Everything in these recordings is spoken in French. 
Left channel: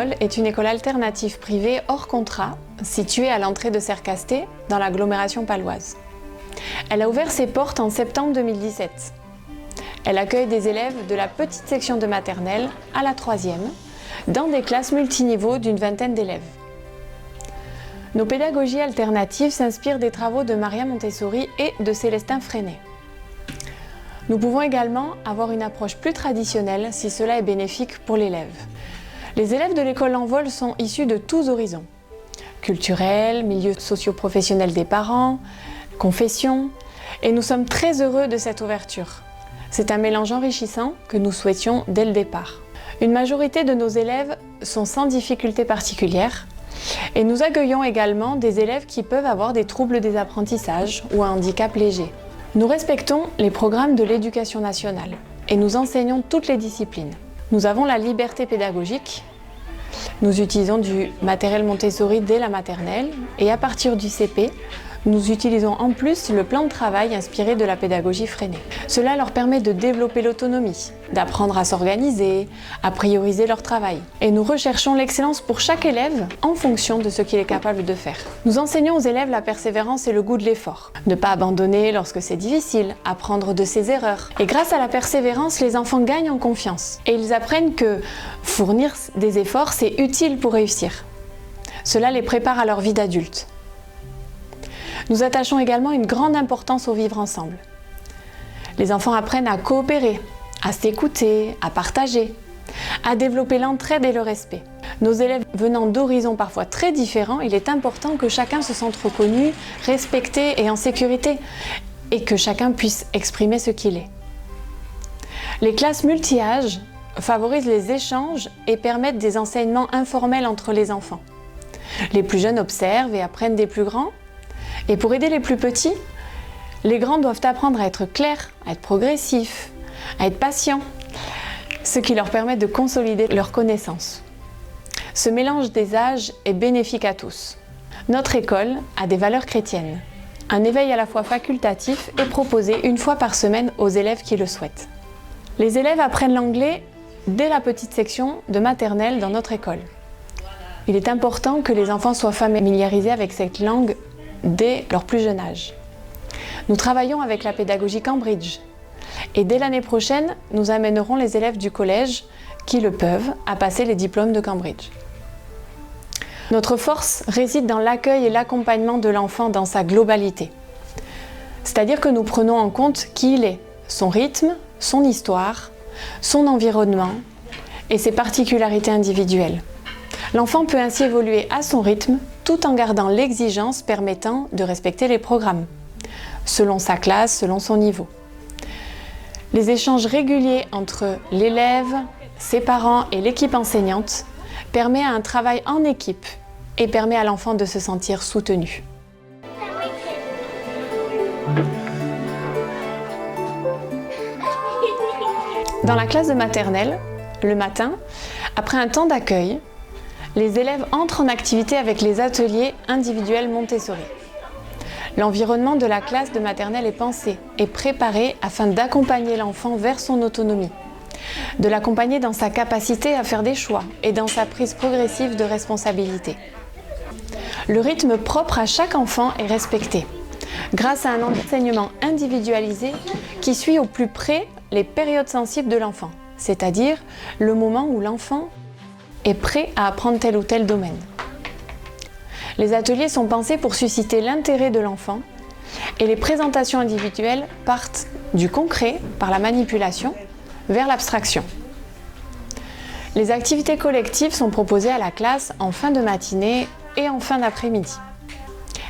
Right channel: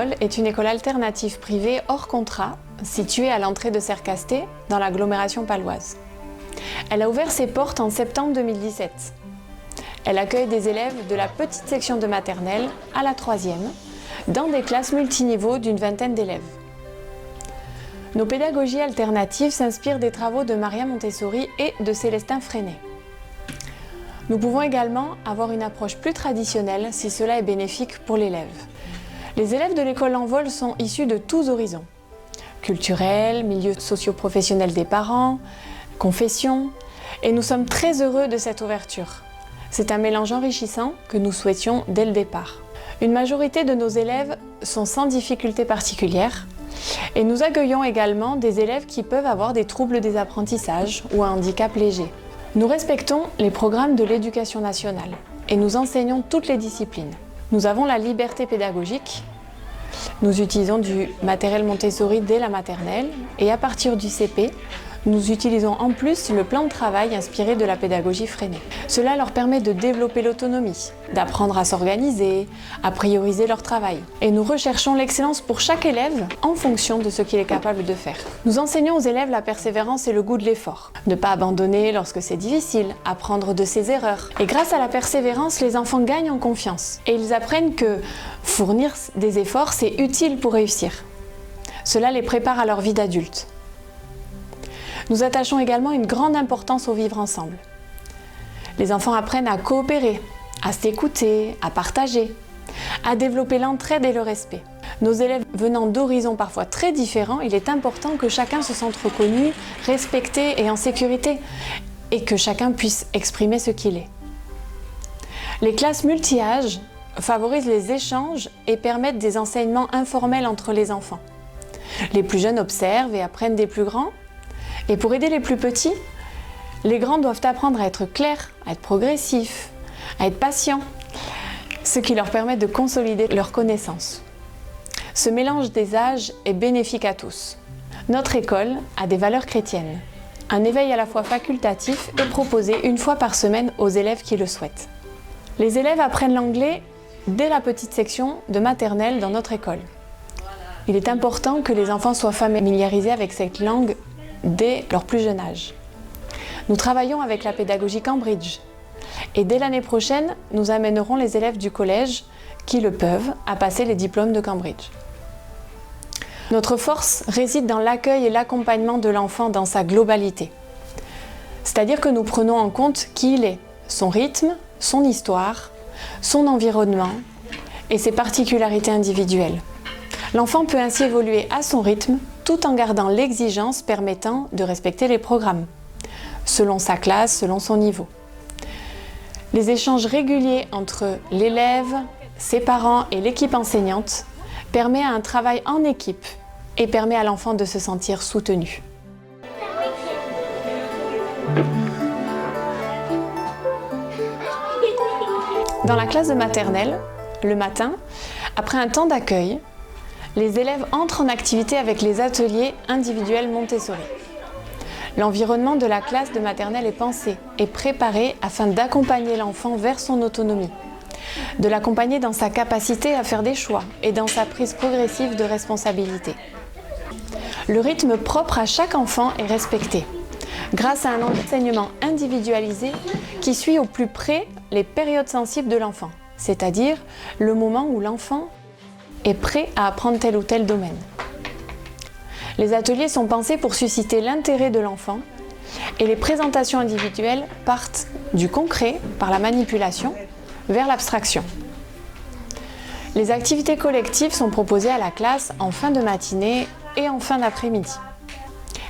École est une école alternative privée hors contrat, située à l'entrée de Sercasté, dans l'agglomération paloise. Elle a ouvert ses portes en septembre 2017. Elle accueille des élèves de la petite section de maternelle à la 3e, dans des classes multiniveaux d'une vingtaine d'élèves. Nos pédagogies alternatives s'inspirent des travaux de Maria Montessori et de Célestin Freinet. Nous pouvons également avoir une approche plus traditionnelle si cela est bénéfique pour l'élève. Les élèves de l'école L'Envol sont issus de tous horizons. Culturels, milieux socio-professionnels des parents, confessions, et nous sommes très heureux de cette ouverture. C'est un mélange enrichissant que nous souhaitions dès le départ. Une majorité de nos élèves sont sans difficulté particulière, et nous accueillons également des élèves qui peuvent avoir des troubles des apprentissages ou un handicap léger. Nous respectons les programmes de l'éducation nationale et nous enseignons toutes les disciplines. Nous avons la liberté pédagogique. Nous utilisons du matériel Montessori dès la maternelle et à partir du CP, nous utilisons en plus le plan de travail inspiré de la pédagogie Freinet. Cela leur permet de développer l'autonomie, d'apprendre à s'organiser, à prioriser leur travail. Et nous recherchons l'excellence pour chaque élève en fonction de ce qu'il est capable de faire. Nous enseignons aux élèves la persévérance et le goût de l'effort. Ne pas abandonner lorsque c'est difficile, apprendre de ses erreurs. Et grâce à la persévérance, les enfants gagnent en confiance. Et ils apprennent que fournir des efforts, c'est utile pour réussir. Cela les prépare à leur vie d'adulte. Nous attachons également une grande importance au vivre ensemble. Les enfants apprennent à coopérer, à s'écouter, à partager, à développer l'entraide et le respect. Nos élèves venant d'horizons parfois très différents, il est important que chacun se sente reconnu, respecté et en sécurité, et que chacun puisse exprimer ce qu'il est. Les classes multi-âges favorisent les échanges et permettent des enseignements informels entre les enfants. Les plus jeunes observent et apprennent des plus grands. Et pour aider les plus petits, les grands doivent apprendre à être clairs, à être progressifs, à être patients, ce qui leur permet de consolider leurs connaissances. Ce mélange des âges est bénéfique à tous. Notre école a des valeurs chrétiennes. Un éveil à la foi facultatif est proposé une fois par semaine aux élèves qui le souhaitent. Les élèves apprennent l'anglais dès la petite section de maternelle dans notre école. Il est important que les enfants soient familiarisés avec cette langue dès leur plus jeune âge. Nous travaillons avec la pédagogie Cambridge et dès l'année prochaine, nous amènerons les élèves du collège qui le peuvent à passer les diplômes de Cambridge. Notre force réside dans l'accueil et l'accompagnement de l'enfant dans sa globalité. C'est-à-dire que nous prenons en compte qui il est, son rythme, son histoire, son environnement et ses particularités individuelles. L'enfant peut ainsi évoluer à son rythme tout en gardant l'exigence permettant de respecter les programmes, selon sa classe, selon son niveau. Les échanges réguliers entre l'élève, ses parents et l'équipe enseignante permettent un travail en équipe et permet à l'enfant de se sentir soutenu. Dans la classe de maternelle, le matin, après un temps d'accueil, les élèves entrent en activité avec les ateliers individuels Montessori. L'environnement de la classe de maternelle est pensé et préparé afin d'accompagner l'enfant vers son autonomie, de l'accompagner dans sa capacité à faire des choix et dans sa prise progressive de responsabilité. Le rythme propre à chaque enfant est respecté, grâce à un enseignement individualisé qui suit au plus près les périodes sensibles de l'enfant, c'est-à-dire le moment où l'enfant est prêt à apprendre tel ou tel domaine. Les ateliers sont pensés pour susciter l'intérêt de l'enfant et les présentations individuelles partent du concret par la manipulation vers l'abstraction. Les activités collectives sont proposées à la classe en fin de matinée et en fin d'après-midi.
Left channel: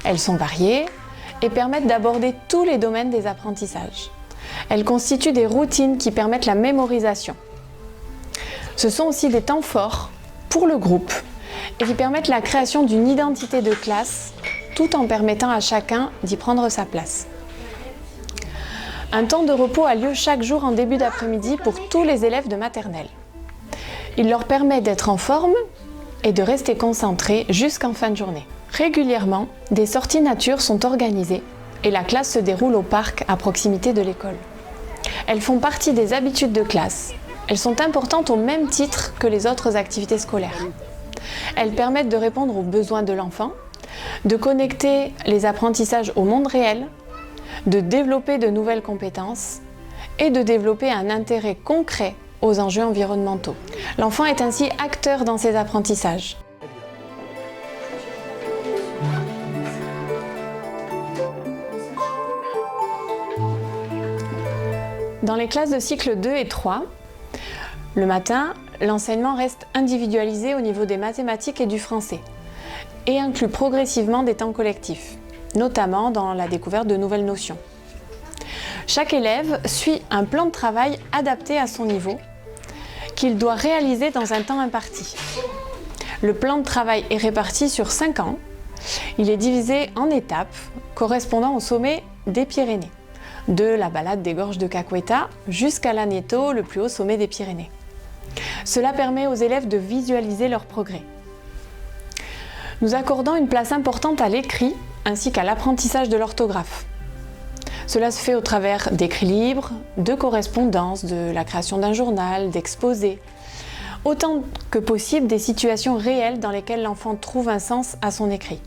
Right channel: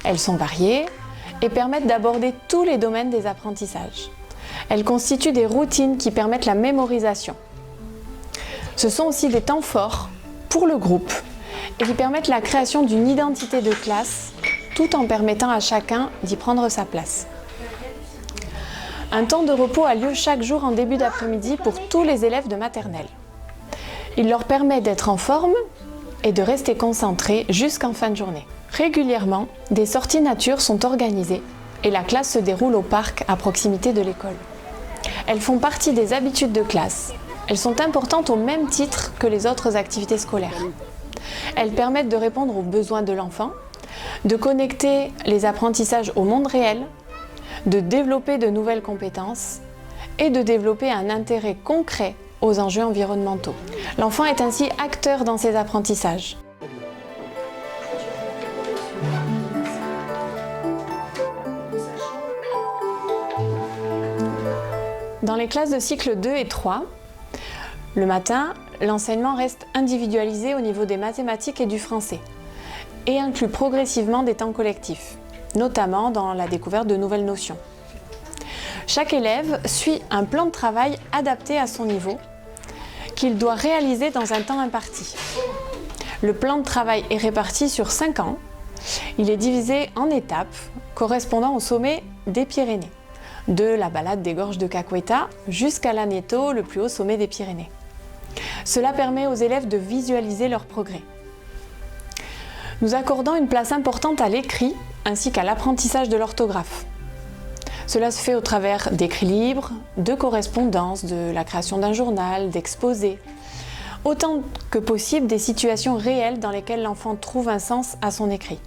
Elles sont variées et permettent d'aborder tous les domaines des apprentissages. Elles constituent des routines qui permettent la mémorisation. Ce sont aussi des temps forts pour le groupe et qui permettent la création d'une identité de classe tout en permettant à chacun d'y prendre sa place. Un temps de repos a lieu chaque jour en début d'après-midi pour tous les élèves de maternelle. Il leur permet d'être en forme et de rester concentrés jusqu'en fin de journée. Régulièrement, des sorties nature sont organisées et la classe se déroule au parc à proximité de l'école. Elles font partie des habitudes de classe. Elles sont importantes au même titre que les autres activités scolaires. Elles permettent de répondre aux besoins de l'enfant, de connecter les apprentissages au monde réel, de développer de nouvelles compétences et de développer un intérêt concret aux enjeux environnementaux. L'enfant est ainsi acteur dans ses apprentissages. Dans les classes de cycle 2 et 3, le matin, l'enseignement reste individualisé au niveau des mathématiques et du français et inclut progressivement des temps collectifs, notamment dans la découverte de nouvelles notions. Chaque élève suit un plan de travail adapté à son niveau qu'il doit réaliser dans un temps imparti. Le plan de travail est réparti sur 5 ans. Il est divisé en étapes correspondant au sommet des Pyrénées, de la balade des gorges de Caqueta jusqu'à l'Aneto, le plus haut sommet des Pyrénées. Cela permet aux élèves de visualiser leur progrès. Nous accordons une place importante à l'écrit ainsi qu'à l'apprentissage de l'orthographe. Cela se fait au travers d'écrits libres, de correspondances, de la création d'un journal, d'exposés. Autant que possible des situations réelles dans lesquelles l'enfant trouve un sens à son écrit.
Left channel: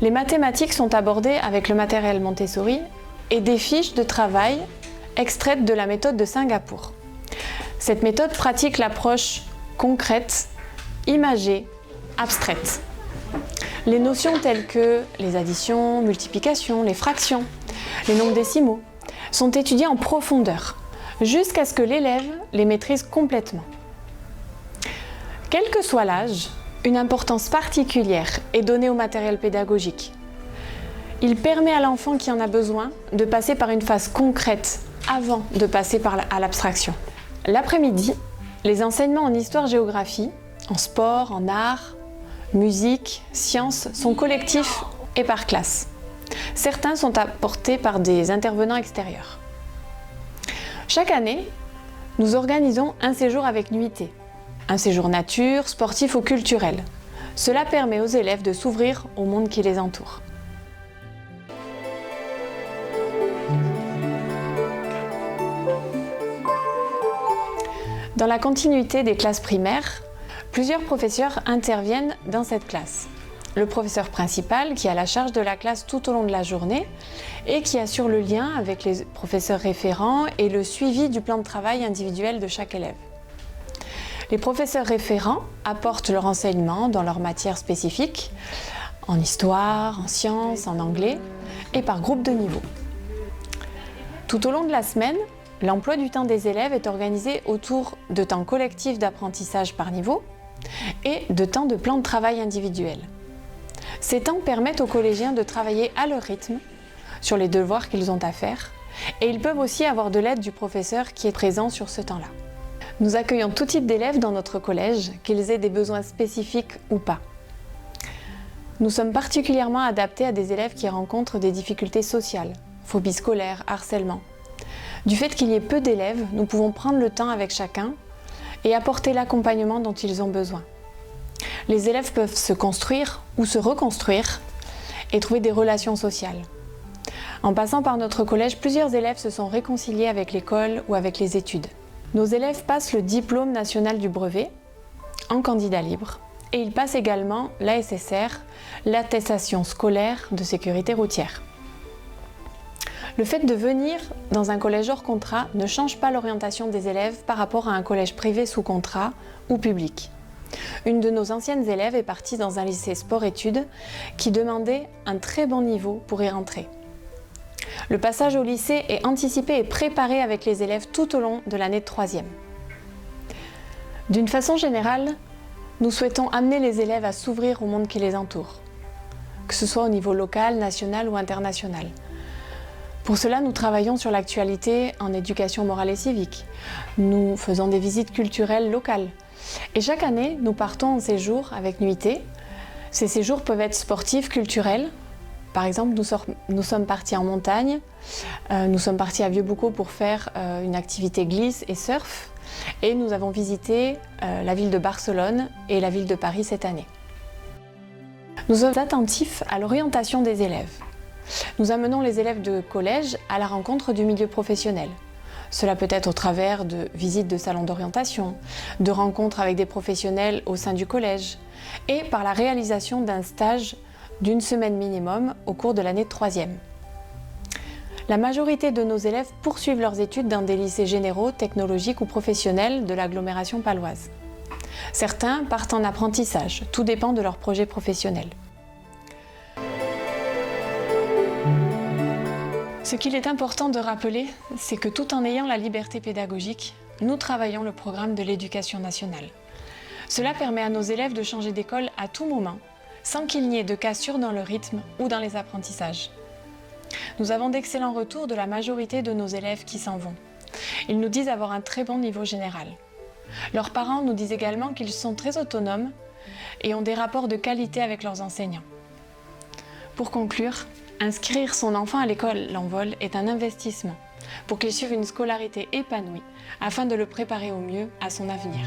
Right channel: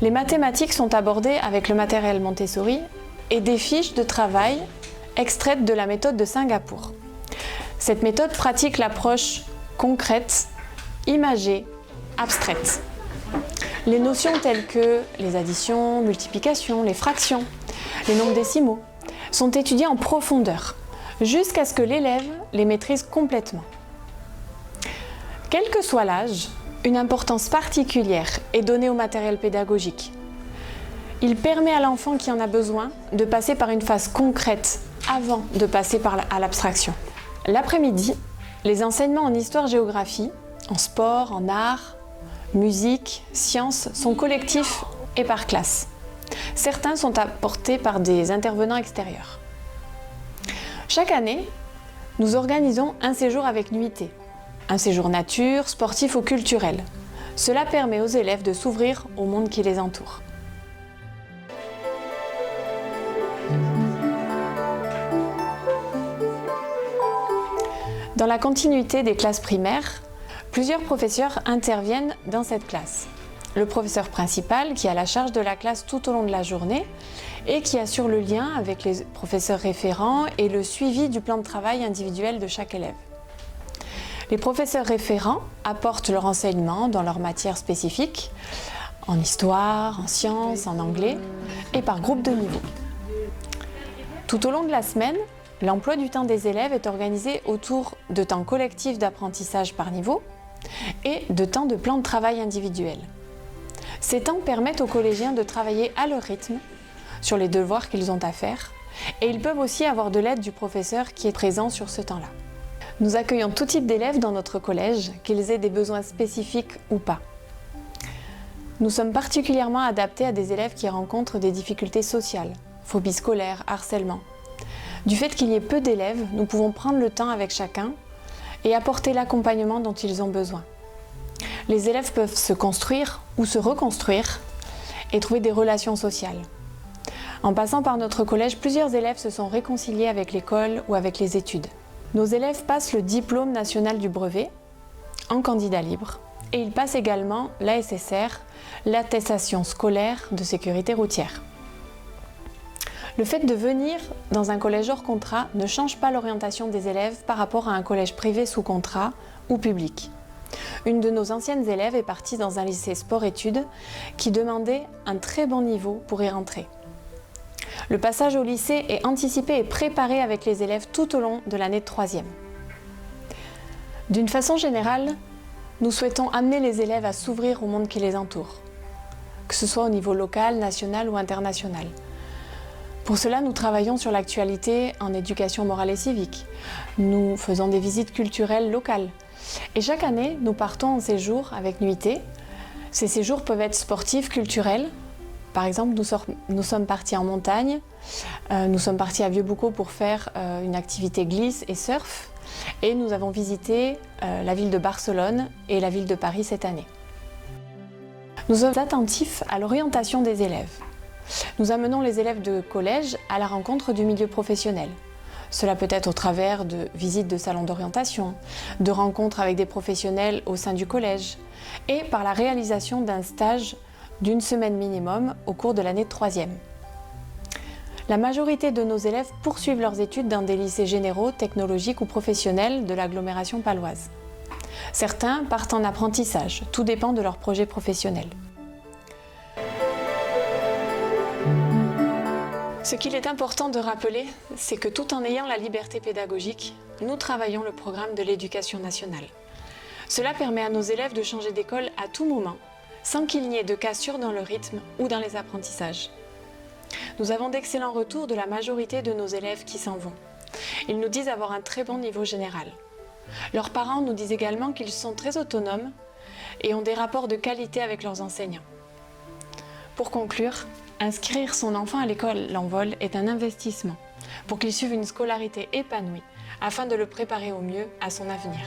Les mathématiques sont abordées avec le matériel Montessori et des fiches de travail extraites de la méthode de Singapour. Cette méthode pratique l'approche concrète, imagée, abstraite. Les notions telles que les additions, multiplications, les fractions, les nombres décimaux sont étudiées en profondeur, jusqu'à ce que l'élève les maîtrise complètement. Quel que soit l'âge, une importance particulière est donnée au matériel pédagogique. Il permet à l'enfant qui en a besoin de passer par une phase concrète avant de passer à l'abstraction. L'après-midi, les enseignements en histoire-géographie, en sport, en art, musique, sciences sont collectifs et par classe. Certains sont apportés par des intervenants extérieurs. Chaque année, nous organisons un séjour avec nuitée, un séjour nature, sportif ou culturel. Cela permet aux élèves de s'ouvrir au monde qui les entoure. Dans la continuité des classes primaires, plusieurs professeurs interviennent dans cette classe. Le professeur principal qui a la charge de la classe tout au long de la journée et qui assure le lien avec les professeurs référents et le suivi du plan de travail individuel de chaque élève. Les professeurs référents apportent leur enseignement dans leurs matières spécifiques, en histoire, en sciences, en anglais et par groupe de niveau. Tout au long de la semaine, l'emploi du temps des élèves est organisé autour de temps collectifs d'apprentissage par niveau et de temps de plan de travail individuel. Ces temps permettent aux collégiens de travailler à leur rythme sur les devoirs qu'ils ont à faire et ils peuvent aussi avoir de l'aide du professeur qui est présent sur ce temps-là. Nous accueillons tout type d'élèves dans notre collège, qu'ils aient des besoins spécifiques ou pas. Nous sommes particulièrement adaptés à des élèves qui rencontrent des difficultés sociales, phobie scolaire, harcèlement. Du fait qu'il y ait peu d'élèves, nous pouvons prendre le temps avec chacun et apporter l'accompagnement dont ils ont besoin. Les élèves peuvent se construire ou se reconstruire et trouver des relations sociales. En passant par notre collège, plusieurs élèves se sont réconciliés avec l'école ou avec les études. Nos élèves passent le diplôme national du brevet en candidat libre et ils passent également l'ASSR, l'attestation scolaire de sécurité routière. Le fait de venir dans un collège hors contrat ne change pas l'orientation des élèves par rapport à un collège privé sous contrat ou public. Une de nos anciennes élèves est partie dans un lycée sport-études qui demandait un très bon niveau pour y rentrer. Le passage au lycée est anticipé et préparé avec les élèves tout au long de l'année de 3e. D'une façon générale, nous souhaitons amener les élèves à s'ouvrir au monde qui les entoure, que ce soit au niveau local, national ou international. Pour cela, nous travaillons sur l'actualité en éducation morale et civique. Nous faisons des visites culturelles locales. Et chaque année, nous partons en séjour avec nuitée. Ces séjours peuvent être sportifs, culturels. Par exemple, nous sommes partis en montagne. Nous sommes partis à Vieux-Boucau pour faire une activité glisse et surf. Et nous avons visité la ville de Barcelone et la ville de Paris cette année. Nous sommes attentifs à l'orientation des élèves. Nous amenons les élèves de collège à la rencontre du milieu professionnel. Cela peut être au travers de visites de salons d'orientation, de rencontres avec des professionnels au sein du collège et par la réalisation d'un stage d'une semaine minimum au cours de l'année de 3e. La majorité de nos élèves poursuivent leurs études dans des lycées généraux, technologiques ou professionnels de l'agglomération paloise. Certains partent en apprentissage, tout dépend de leur projet professionnel. Ce qu'il est important de rappeler, c'est que tout en ayant la liberté pédagogique, nous travaillons le programme de l'éducation nationale. Cela permet à nos élèves de changer d'école à tout moment, sans qu'il n'y ait de cassure dans le rythme ou dans les apprentissages. Nous avons d'excellents retours de la majorité de nos élèves qui s'en vont. Ils nous disent avoir un très bon niveau général. Leurs parents nous disent également qu'ils sont très autonomes et ont des rapports de qualité avec leurs enseignants. Pour conclure, inscrire son enfant à l'école L'Envol est un investissement pour qu'il suive une scolarité épanouie afin de le préparer au mieux à son avenir.